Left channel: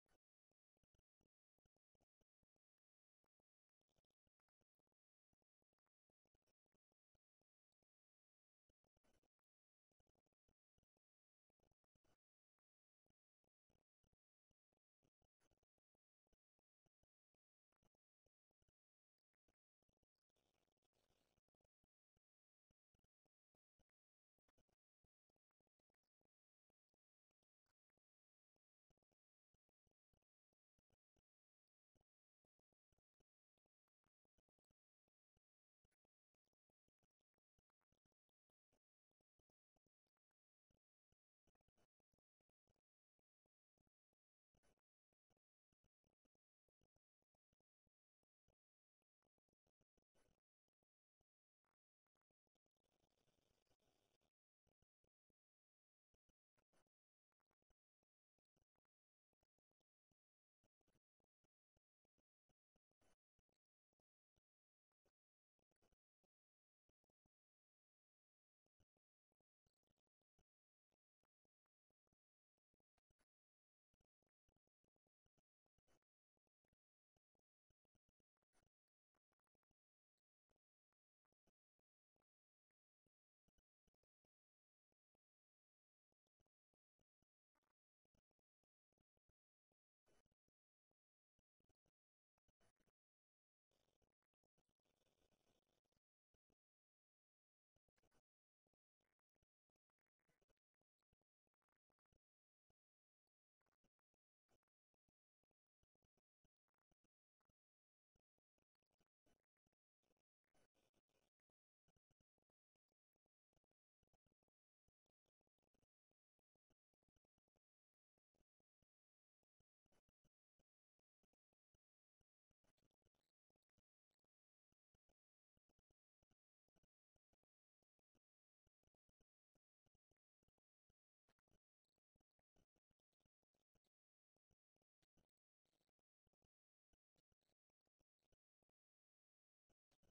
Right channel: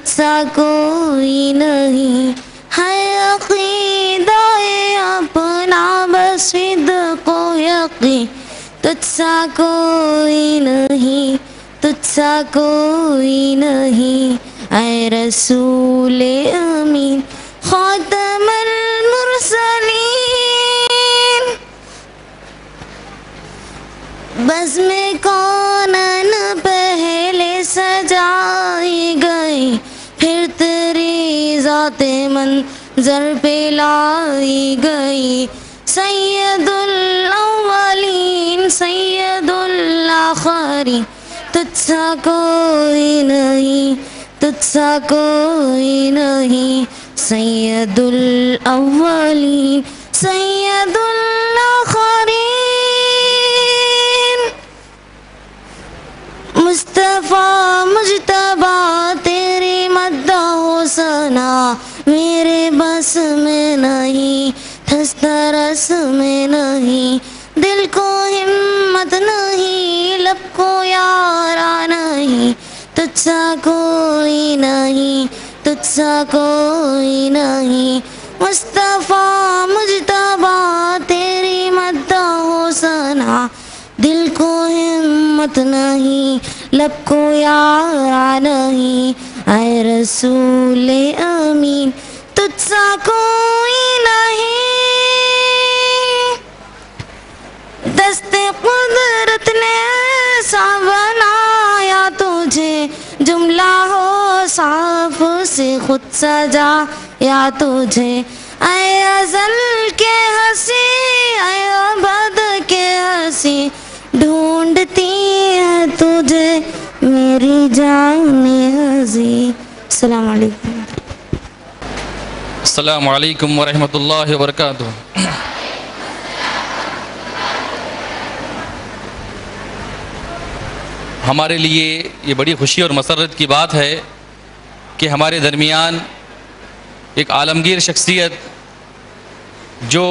تجھ سا کوئی نہیں ہے عقیدہ اپنا بس صدق و یقین تجھ سا کوئی نہیں تجھ سا کوئی نہیں اے رسول امین خاتم المرسلین بزم کونن پہلے سجائی گئی پھر تیری ذات منظر پہ لائی گئی سید الاولین سید الآخرین تجھ سا کوئی نہیں تجھ سا کوئی نہیں سید الاولین سید الآخرین مصطفیٰ مجتبیٰ تیری مدح و ثنا میرے بس میں نہیں دسترس میں نہیں دل کو ہمت نہیں لب کو یارا نہیں تجھ سا کوئی نہیں تجھ سا کوئی نہیں مصطفیٰ مجتبیٰ تیری مدح و ثنا دل کو ہمت نہیں لب کو یارا نہیں اے رسول امین تجھ سا کوئی نہیں دست قدرت نے ایسا بنایا تجھے جملہ ہو صاف سے خود سجا یا تجھے اے ازل کے ہنسی اے ابد کے ہنسی ڈھونڈتی ہے تجھے میری جان ہنسی السلام علیکم السلام علیکم ورحمۃ اللہ وبرکاتہ. ہمارے لیے یہ بڑی خوشی اور مسرت کی بات ہے کہ ہمارے درمیان ایک عالمگیر شخصیت جو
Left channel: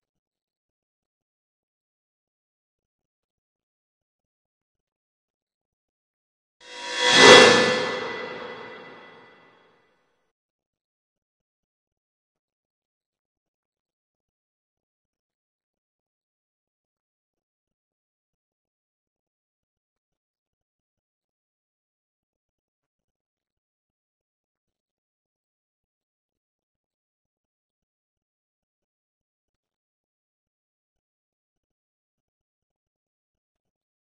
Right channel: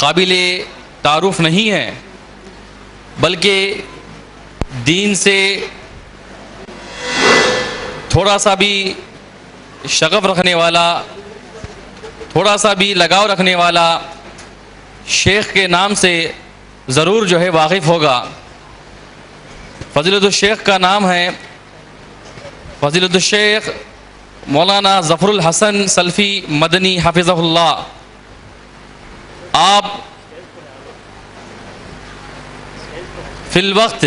قابل تعارف نہیں ہے بلکہ دین سے تھوڑا سا بھی شغف رکھنے والا تھوڑا سا بھی لگاؤ رکھنے والا شیخ کے نام سے ضرور جو ہے واقف ہوگا. فضیلت الشیخ کا نام ہے فضیلت الشیخ مولانا ظفر الحسن سلفی مدنی حفظہ اللہ. آپ فی الوقت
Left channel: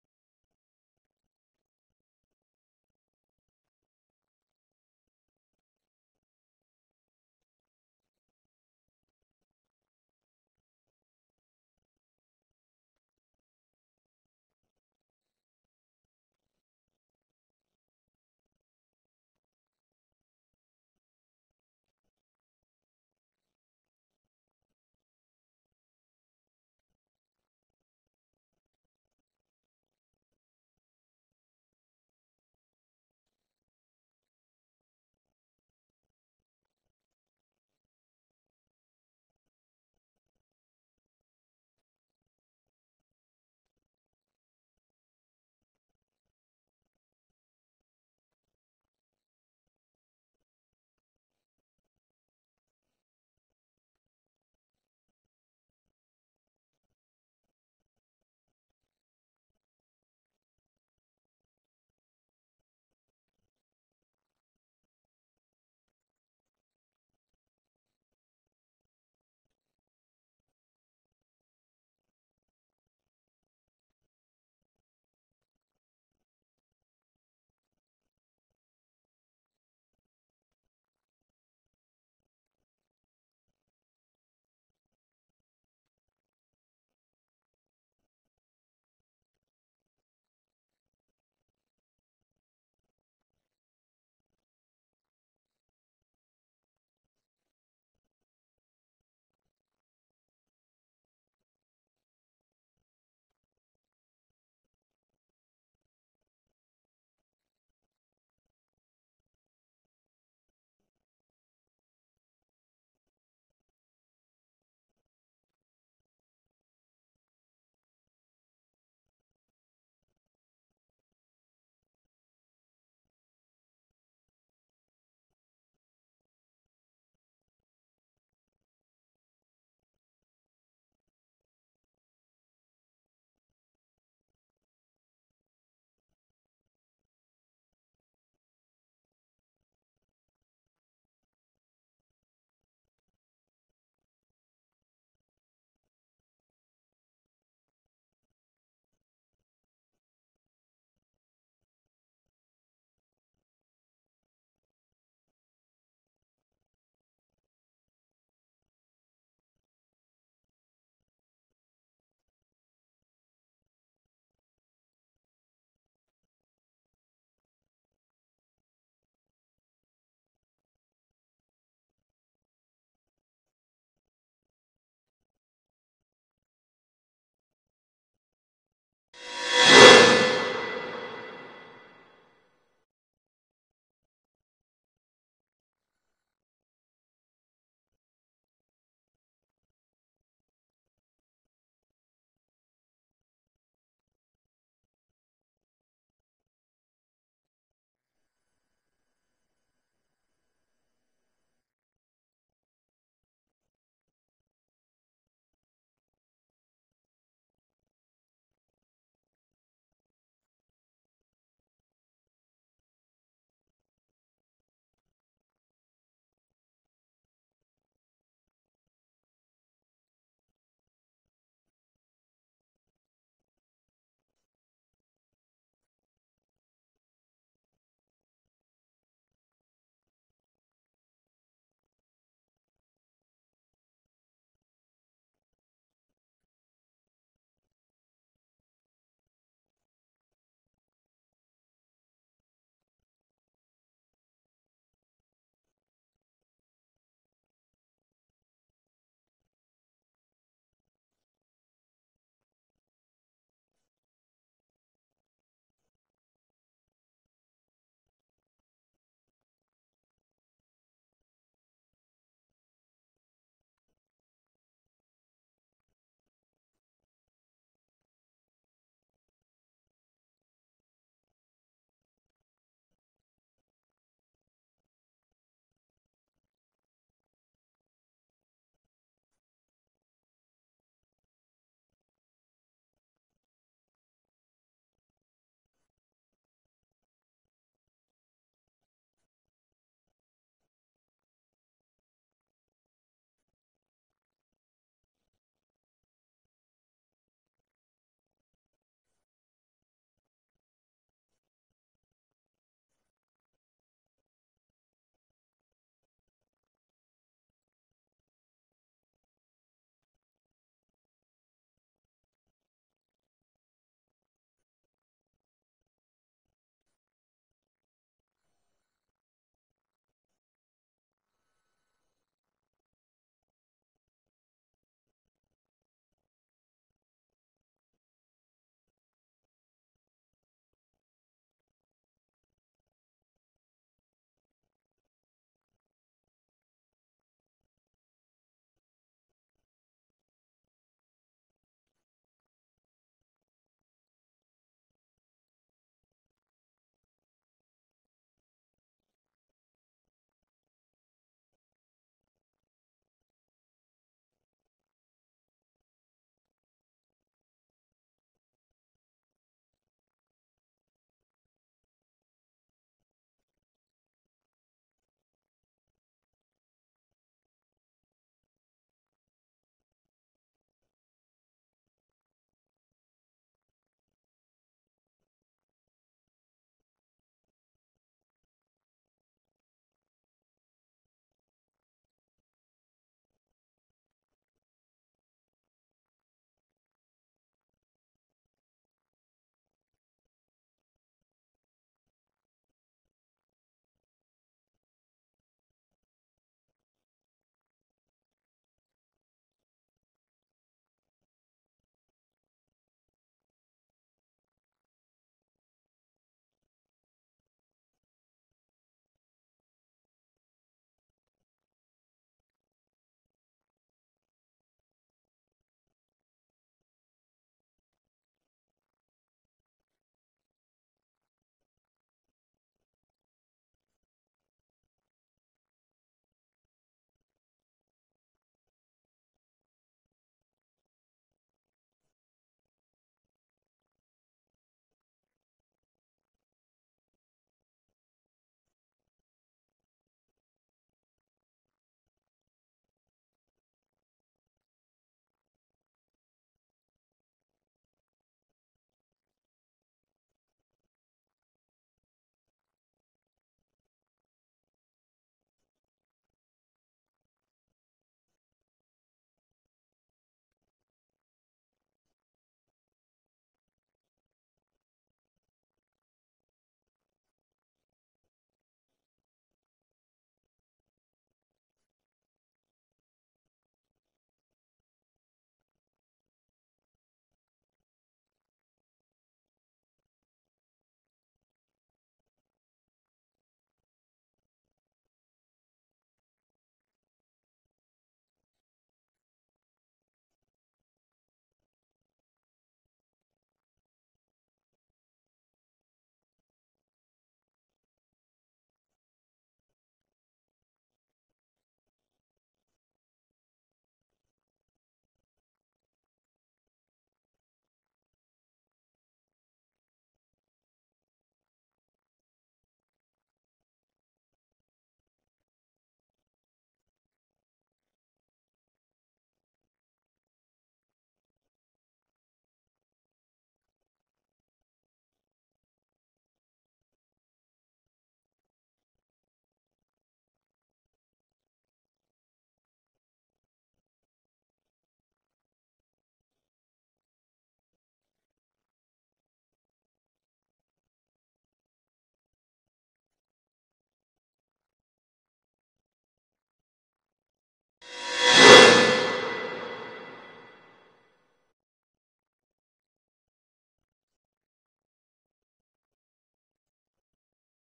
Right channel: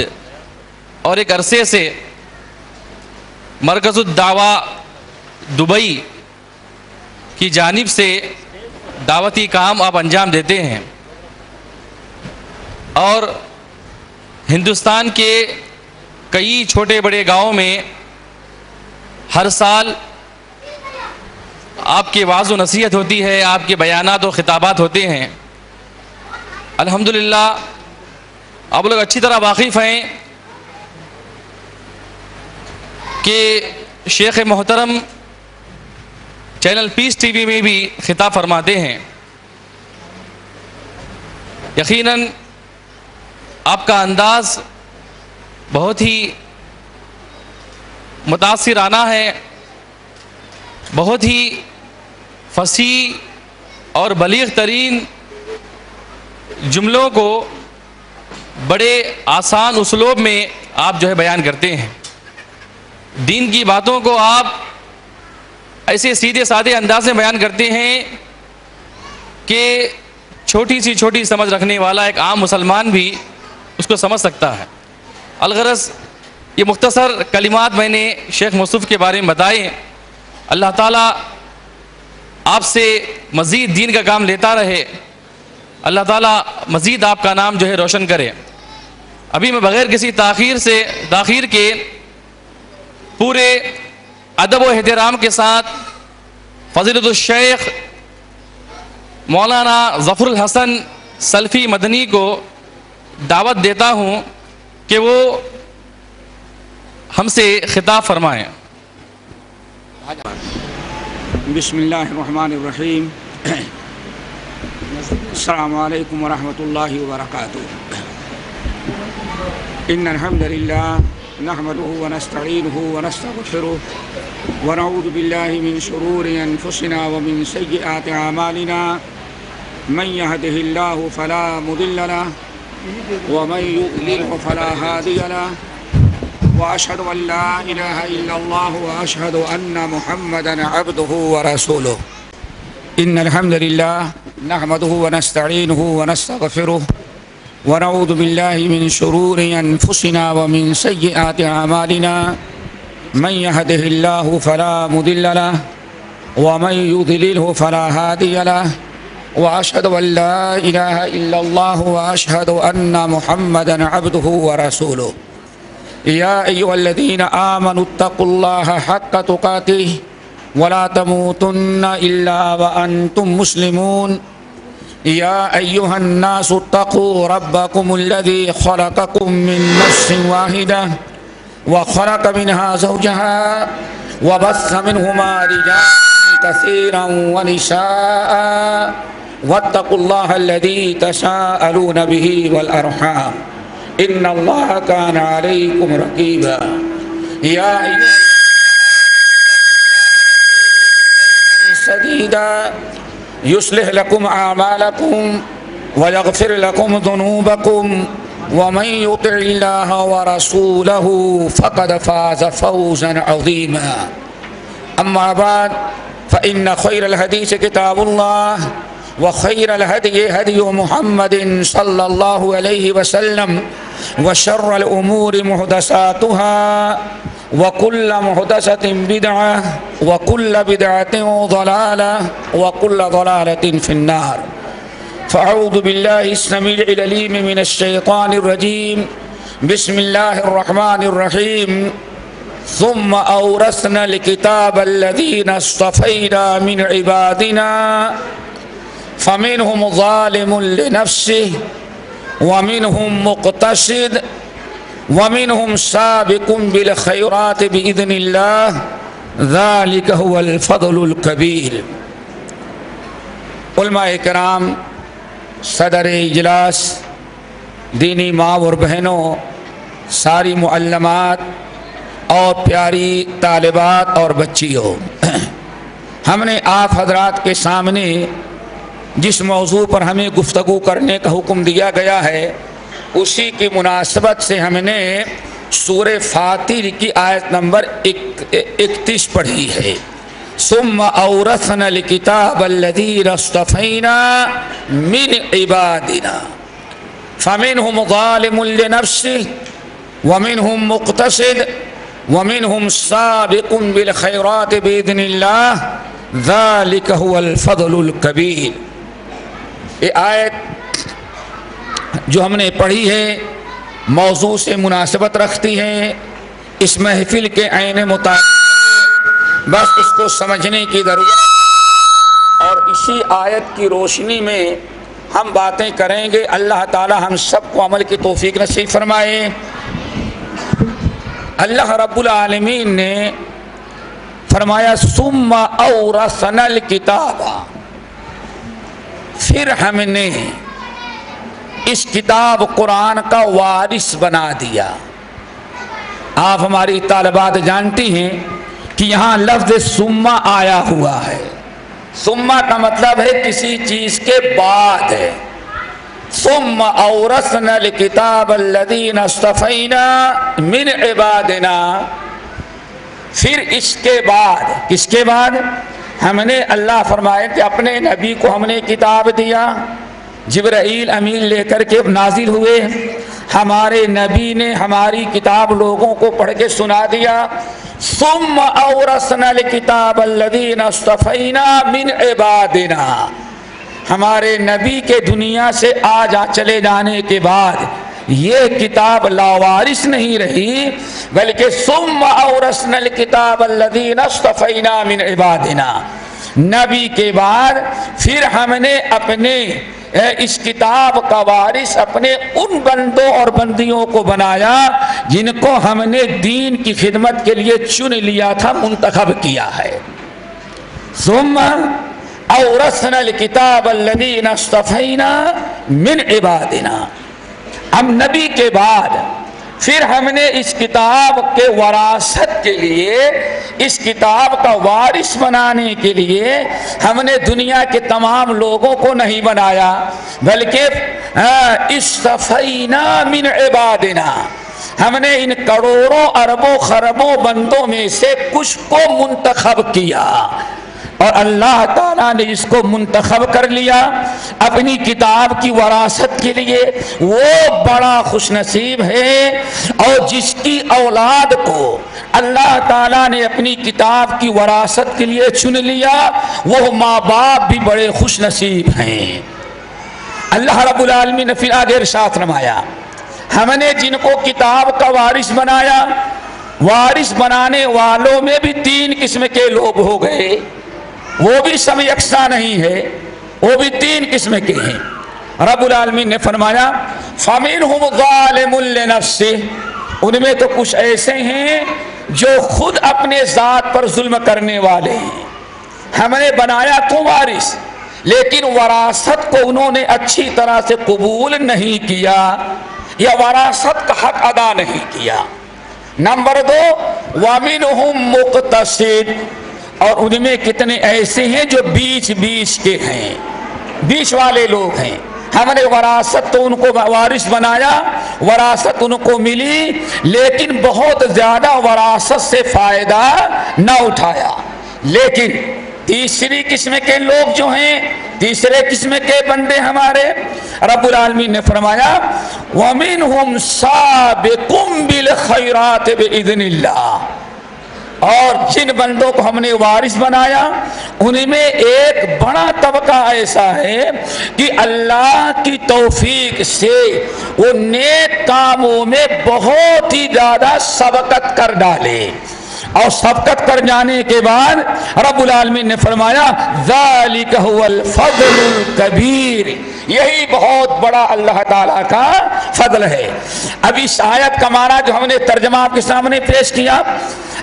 اور ایک عرصے سے مرکز الدعوہ دبئی کی جانب سے دعوتی کام آپ انجام دیتے ہیں اور ہندوستان کے کئی چھوٹے بڑے گاؤں میں ہر سال آپ کی وعظ و نصیحت ہوتی ہے, آپ کے بیانات و خطابات ہوتے ہیں. الحمدللہ آپ لوگ اچھی طرح واقف ہیں کہ شیخ محترم چینل پیس ٹی وی میں بھی خطاب فرماتے ہیں. یقیناً آپ کا انداز بہت ہی متاثرانہ ہے, بہت ہی فصیح اور بلیغ ترین جملوں کو بڑے آسان اسلوب میں آپ جو ہے بیان کرتے ہیں. دین کی باتوں کو آپ ایسے سیدھے سادے انداز میں بیان کرتے ہیں کہ چھوٹی سی چھوٹی سمجھ رکھنے والا ایک عام مسلمان بھی اس کو سمجھ سکتا ہے. الغرض یہ مختصر کلمات میں نے شیخ مصطفیٰ کے بارے میں بتائے. اللہ تعالیٰ آپ سے مزید دین کا کام لیتا رہے, اللہ تعالیٰ مزید آپ کا نام جو ہے روشن کرے. ابھی میں بغیر کسی تاخیر کے پورے ادب و احترام کے ساتھ فضیلت الشیخ مولانا ظفر الحسن سلفی مدنی کو دعوت دیتا ہوں کہ وہ ہم سے خطاب فرمائیں. بسم اللہ الرحمن الرحیم. السلام علیکم ورحمۃ اللہ وبرکاتہ. ان الحمد للہ نحمده ونستعينه ونستغفره ونعوذ بالله من شرور أنفسنا ومن سيئات أعمالنا من يهده الله فلا مضل له ومن يضلل فلا هادي له وأشهد أن لا إله إلا الله وأشهد أن محمدا عبده ورسوله إن الحمد لله نحمده ونستعينه ونستغفره ونعوذ بالله من شرور أنفسنا ومن سيئات أعمالنا من يهده الله فلا مضل له ومن يضلله فلا هادي له وأشهد أن لا إله إلا الله وأشهد أن محمدا عبده ورسوله يا أيها الذين آمنوا اتقوا الله حق تقاته ولا تموتن إلا وأنتم مسلمون يا أيها الناس اتقوا ربكم الذي خلقكم من نفس واحدة وخلق منها زوجها وبث منهما رجالا كثيرا ونساء واتقوا الله الذي تساءلون به والأرحام إن الله كان عليكم رقيبا يا أيها سديدا يصلح لكم أعمالكم ويغفر لكم ذنوبكم ومن يطع الله ورسوله فقد فاز فوزا عظيما أما بعد فإن خير الحديث كتاب الله وخير الهدي هدي محمد صلى الله عليه وسلم وشر الأمور محدثاتها وكل محدثة بدعة وكل بدعة ضلالة وكل ضلالة في النار فأعوذ بالله السميع العليم من الشيطان الرجيم بسم الله الرحمن الرحيم ثم أورثنا الكتاب الذين اصطفينا من عبادنا فمنهم ظالم لنفسه ومنهم مقتصد ومنهم سابق بالخيرات بإذن الله ذلك هو الفضل الكبير علماء کرام، صدر اجلاس، دینی ماں اور بہنوں، ساری معلمات اور پیاری طالبات اور بچیوں، ہم نے آپ حضرات کے سامنے جس موضوع پر ہمیں گفتگو کرنے کا حکم دیا گیا ہے اسی کی مناسبت سے ہم نے سورہ فاطر کی آیت نمبر 31 پڑھی ہے۔ ثم اورثنا الکتاب الذین اصطفینا من عبادنا فمنهم ظالم لنفسه ومنهم مقتصد ومنهم سابق بالخيرات بإذن الله ذلك هو الفضل الكبير۔ یہ آیت جو ہم نے پڑھی ہے موضوع سے مناسبت رکھتی ہے، اس محفل کے عین مطابق بس اس کو سمجھنے کی ضرورت، اور اسی آیت کی روشنی میں ہم باتیں کریں گے۔ اللہ تعالی ہم سب کو عمل کی توفیق نصیب فرمائے۔ اللہ رب العالمین نے فرمایا ثم اورثنا الکتاب، پھر ہم نے اس کتاب قرآن کا وارث بنا دیا۔ آپ ہماری طالبات جانتی ہیں کہ یہاں لفظ ثم آیا ہوا ہے۔ ثم کا مطلب ہے کسی چیز کے بعد ہے۔ ثم اورثنا الکتاب الذین اصطفینا من عبادنا، پھر اس کے بعد، کس کے بعد؟ ہم نے، اللہ فرمائے کہ اپنے نبی کو ہم نے کتاب دیا، جبرائیل امین لے کر کے نازل ہوئے، ہمارے نبی نے ہماری کتاب لوگوں کو پڑھ کے سنا دیا۔ ثم اورثنا الکتاب الذین اصطفینا من عبادنا، ہمارے نبی کے دنیا سے چلے جانے کے بعد یہ کتاب لاوارث نہیں رہی، بلکہ ثم اورثنا الکتاب الذین اصطفینا من عبادنا، نبی کے بعد پھر ہم نے اپنے اس کتاب کا وارث اپنے ان بندوں اور بندیوں کو بنایا جن کو ہم نے دین کی خدمت کے لیے چن لیا تھا، منتخب کیا ہے۔ ثم اورثنا الکتاب الذین اصطفینا من عبادنا، ہم نبی کے بعد پھر ہم نے اس کتاب کے وراثت کے لیے، اس کتاب کا وارث بنانے کے لیے ہم نے دنیا کے تمام لوگوں کو نہیں بنایا، بلکہ اصطفینا من عبادنا، ہم نے ان کروڑوں اربوں خربوں بندوں میں سے کچھ کو منتخب کیا، اور اللہ تعالیٰ نے اس کو منتخب کر لیا اپنی کتاب کی وراثت کے لیے۔ وہ بڑا خوش نصیب ہے، اور جس کی اولاد کو اللہ تعالیٰ نے اپنی کتاب کی وراثت کے لیے چن لیا، وہ ماں باپ بھی بڑے خوش نصیب ہیں۔ اللہ رب العالمین نے پھر آگے ارشاد فرمایا، ہم نے جن کو کتاب کا وارث بنایا، وارث بنانے والوں میں بھی 3 قسم کے لوگ ہو گئے، وہ بھی سب یکساں نہیں ہے، وہ بھی 3 قسم کے ہیں۔ رب العالمین نے فرمایا فَمِنْهُمْ ظَالِمٌ لِنَفْسِهِ، ان میں تو کچھ ایسے ہیں جو خود اپنے ذات پر ظلم کرنے والے ہیں۔ ہم نے بنایا تو وارث، لیکن وراثت کو انہوں نے اچھی طرح سے قبول نہیں کیا، یا وراثت کا حق ادا نہیں کیا۔ نمبر 2 وَمِنْهُمْ مُقْتَصِدٌ، اور ان میں کتنے ایسے ہیں جو بیچ کے ہیں، بیچ والے لوگ ہیں۔ ہم نے وراثت تو ان کو وارث بنایا، وراثت ان کو ملی، لیکن بہت زیادہ وراثت سے فائدہ نہ اٹھایا۔ لیکن تیسری قسم کے لوگ جو ہیں، تیسرے قسم کے بندے ہمارے، رب العالمین نے فرمایا وَمِنْهُمْ سَابِقٌ بِالْخَيْرَاتِ بِإِذْنِ اللَّهِ، اور جن بندوں کو ہم نے وارث بنایا ان میں ایک بڑا طبقہ ایسا ہے کہ اللہ کی توفیق سے وہ نیک کاموں میں بہت ہی زیادہ سبقت کر ڈالے، اور سبقت کر جانے کے بعد رب العالمین نے فرمایا ذالک هو الفضل الکبیر، یہی بہت بڑا اللہ تعالیٰ کا فضل ہے۔ اب اس آیت کا معنی جو ہم نے ترجمہ آپ کے سامنے پیش کیا،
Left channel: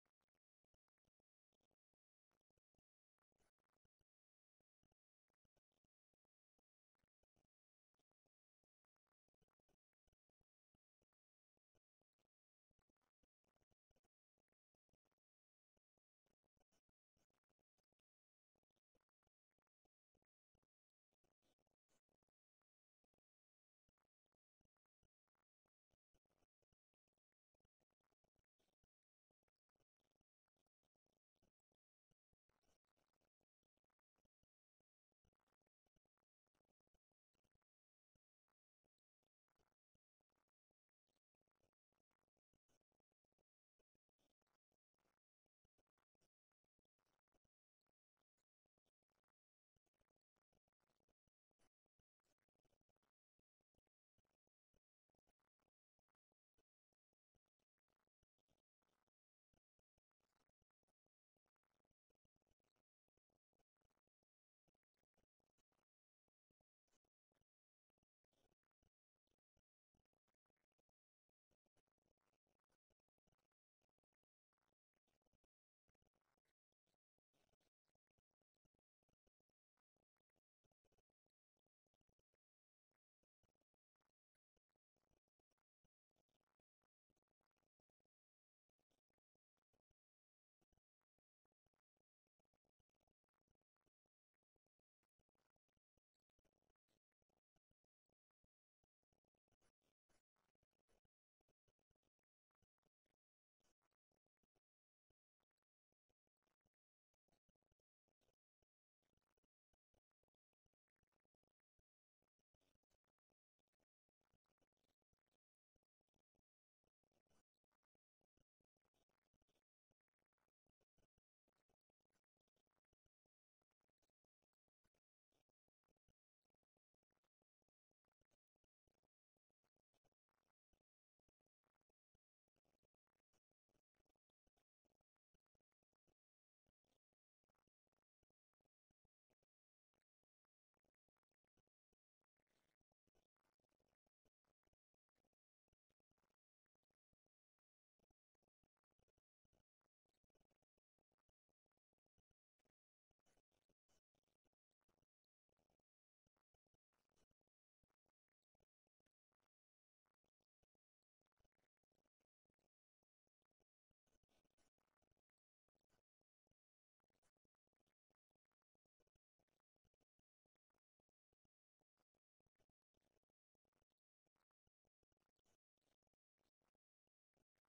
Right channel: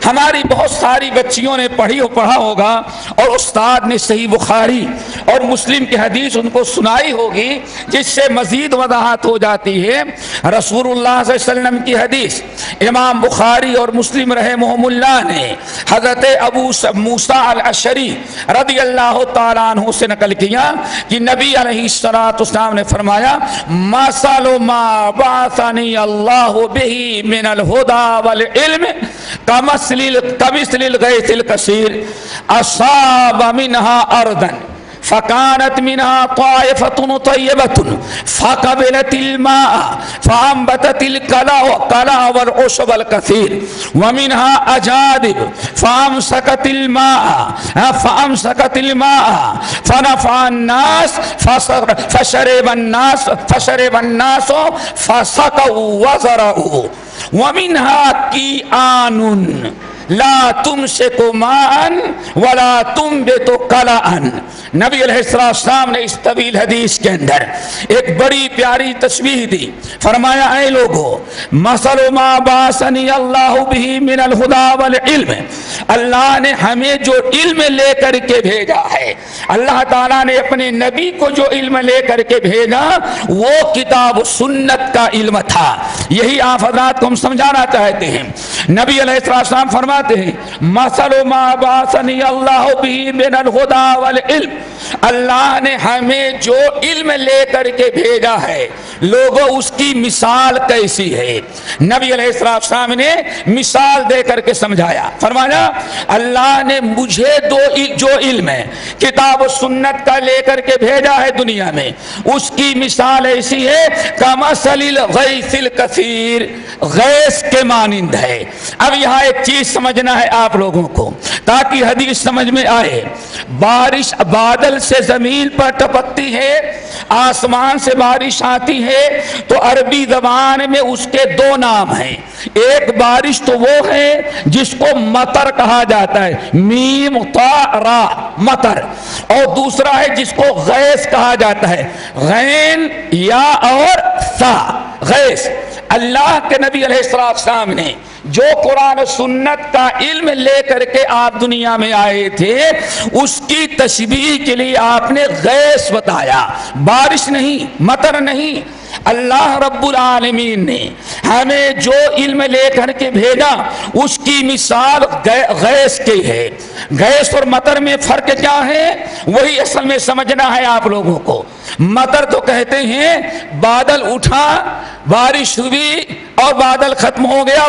ہماری بہت ساری بچیوں نے پڑھا ہوگا، اور استاد نے صحیح بخاری اور مسلم کی حدیث ان کو سنائی ہوگی، جس سے مزید وضاحت ہو جاتی ہے۔ رسول اللہ صلی اللہ علیہ وسلم کی حدیث امام بخاری اور مسلم رحمہم اللہ نے حضرت ابو موسیٰ الاشعری رضی اللہ تعالیٰ عنہ سے نقل کیا کہ نبی علیہ السلام نے فرمایا مثل ما بعثنی اللہ بہ من الہدی والعلم کمثل الغیث الکثیر اصاب منها ارضا فكانت منها طائفة طيبة فقبلت الماء فأنبتت الكلى والعشب الكثير، ومنها أجادب فأمسكت الماء فنفع الناس فشرب الناس فسقوا وزرعوا، ومنها كيآن لا تمسک ماء ولا تنبت قلعا۔ نبی علیہ السلام نے اس طویل حدیث کے اندر ایک بڑی پیاری تشبیہ دی، فرمایا اے لوگو مثل ما بعثنی اللہ بہ من الہدی والعلم، اللہ نے ہمیں جو علم لے کر کے بھیجا ہے، اللہ تعالیٰ نے اپنے نبی کو جو علم لے کر کے بھیجا وہ کتاب و سنت کا علم تھا۔ یہی آپ حضرات کو ہم سمجھانا چاہتے ہیں۔ نبی علیہ السلام فرماتے ہیں مثل ما بعثنی اللہ بہ من الہدی والعلم، اللہ نے ہمیں جو علم لے کر کے بھیجا ہے لوگوں اس کی مثال کیسی ہے؟ نبی علیہ السلام نے مثال دے کر کے سمجھایا، فرمایا اللہ نے مجھے جو علم ہے کتاب و سنت کا لے کر کے بھیجا ہے دنیا میں، اس کی مثال ایسی ہے کمثل الغیث الکثیر، غیث کے مانند ہے۔ اب یہاں ایک چیز سمجھنا ہے آپ لوگوں کو تاکہ حدیث سمجھ میں آئے۔ بارش بادل سے زمین پر ٹپکتی ہے، آسمان سے بارش آتی ہے تو عربی زبان میں اس کے 2 نام ہیں۔ ایک بارش تو وہ ہے جس کو مطر کہا جاتا ہے، میم طا را مطر، اور دوسرا ہے جس کو غیث کہا جاتا ہے، غین یا اور سا غیث۔ اللہ کے نبی علیہ السلام نے جو قرآن و سنت کا علم لے کر کے آپ دنیا میں آئے تھے اس کی تشبیہ کے لیے آپ نے غیث بتایا، بارش نہیں، مطر نہیں۔ اللہ رب العالمین نے ہمیں جو علم لے کر کے بھیجا اس کی مثال غیث کی ہے. غیث اور مطر میں فرق کیا ہے وہی اصل میں سمجھنا ہے آپ لوگوں کو. مطر تو کہتے ہیں بادل اٹھا، بارش ہوئی اور بادل ختم ہو گیا،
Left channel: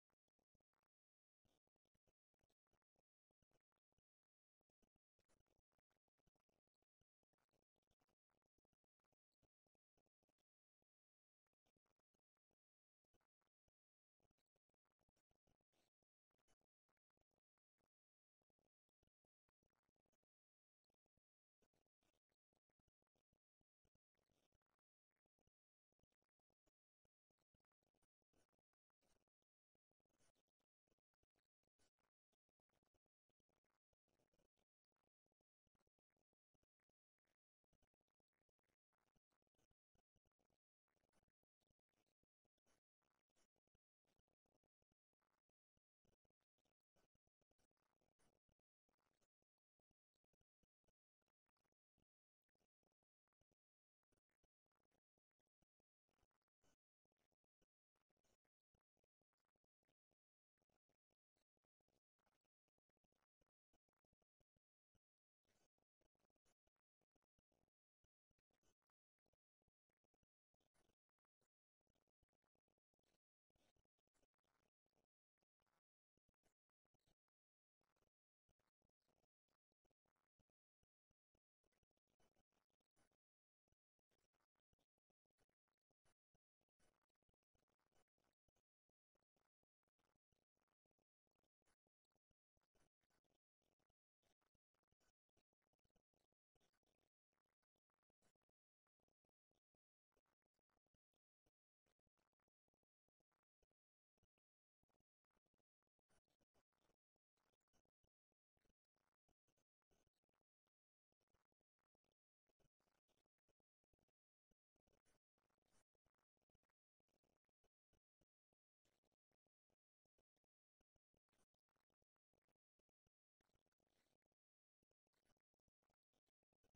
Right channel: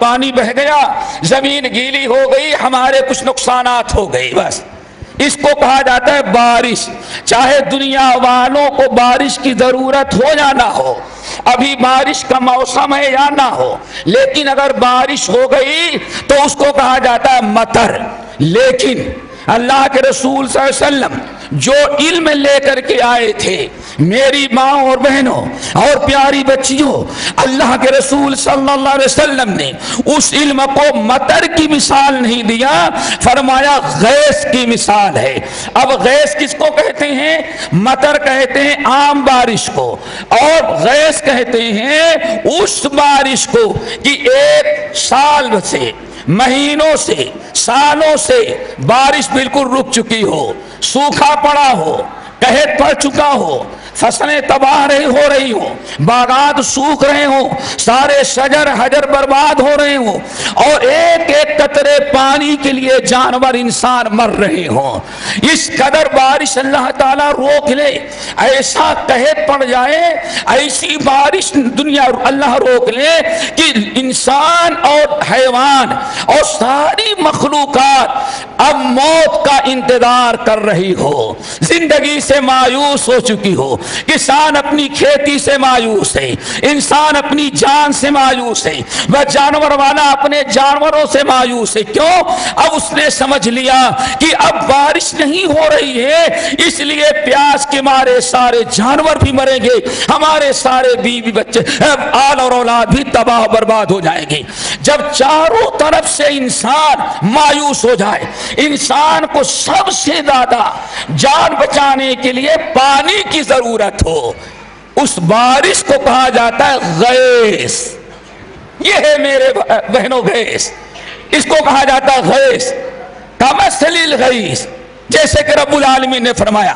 پانی بہ گیا، زمین گیلی ہو گئی، ہمارے کچھ نقصانات ہو گئے، بس اس کو کہا جاتا ہے بارش. چاہے دنیا والوں کو بارش کی ضرورت ہو یا نہ ہو، ابھی بارش کا موسم ہے یا نہ ہو، لیکن اگر بارش ہو گئی تو اس کو کہا جاتا ہے مطر. لیکن اللہ کے رسول صلی اللہ علیہ وسلم جو علم لے کر کے آئے تھے، میری ماں اور بہنوں اور پیاری بچیوں، اللہ کے رسول صلی اللہ علیہ وسلم نے اس علم کو مطر کی مثال نہیں دیا، فرمایا غیث کی مثال ہے. اب غیث کس کو کہتے ہیں؟ مطر کہتے ہیں عام بارش کو، اور غیث کہتے ہیں اس بارش کو کہ ایک سال سے، مہینوں سے، سالوں سے بارش بالکل رک چکی ہو، سوکھا پڑا ہو، قحط پڑ چکا ہو، فصلیں تباہ ہو رہی ہوں، باغات سوکھ رہے ہوں، سارے شجر حجر برباد ہو رہے ہوں، اور ایک ایک قطرے پانی کے لیے جانور انسان مر رہے ہوں. اس قدر بارش اللہ تعالیٰ روک لے، ایسا قحط پڑ جائے، ایسی بارش دنیا اللہ روک لے کہ انسان اور حیوان اور ساری مخلوقات اب موت کا انتظار کر رہی ہو، زندگی سے مایوس ہو چکی ہو. کسان اپنی کھیتی سے مایوس ہے، انسان اپنی جان سے مایوس ہے، وہ جانور والا اپنے جانوروں سے مایوس ہے. کیوں؟ اب اس نے سمجھ لیا کہ اب بارش نہیں ہو رہی ہے، اس لیے پیاس کے مارے سارے جانور بھی مریں گے، ہمارے سارے بیوی بچے آل اور اولاد بھی تباہ برباد ہو جائیں گے. جب چاروں طرف سے انسان مایوس ہو جائے، انسان کو سب سے زیادہ جان بچانے کے لیے پانی کی ضرورت ہو، اس بارش کو کہا جاتا ہے غیث. یہ ہے میرے بہنوں غیث، اس کو کہا جاتا ہے غیث. کمثل الغیث، جیسے کہ رب العالمین نے فرمایا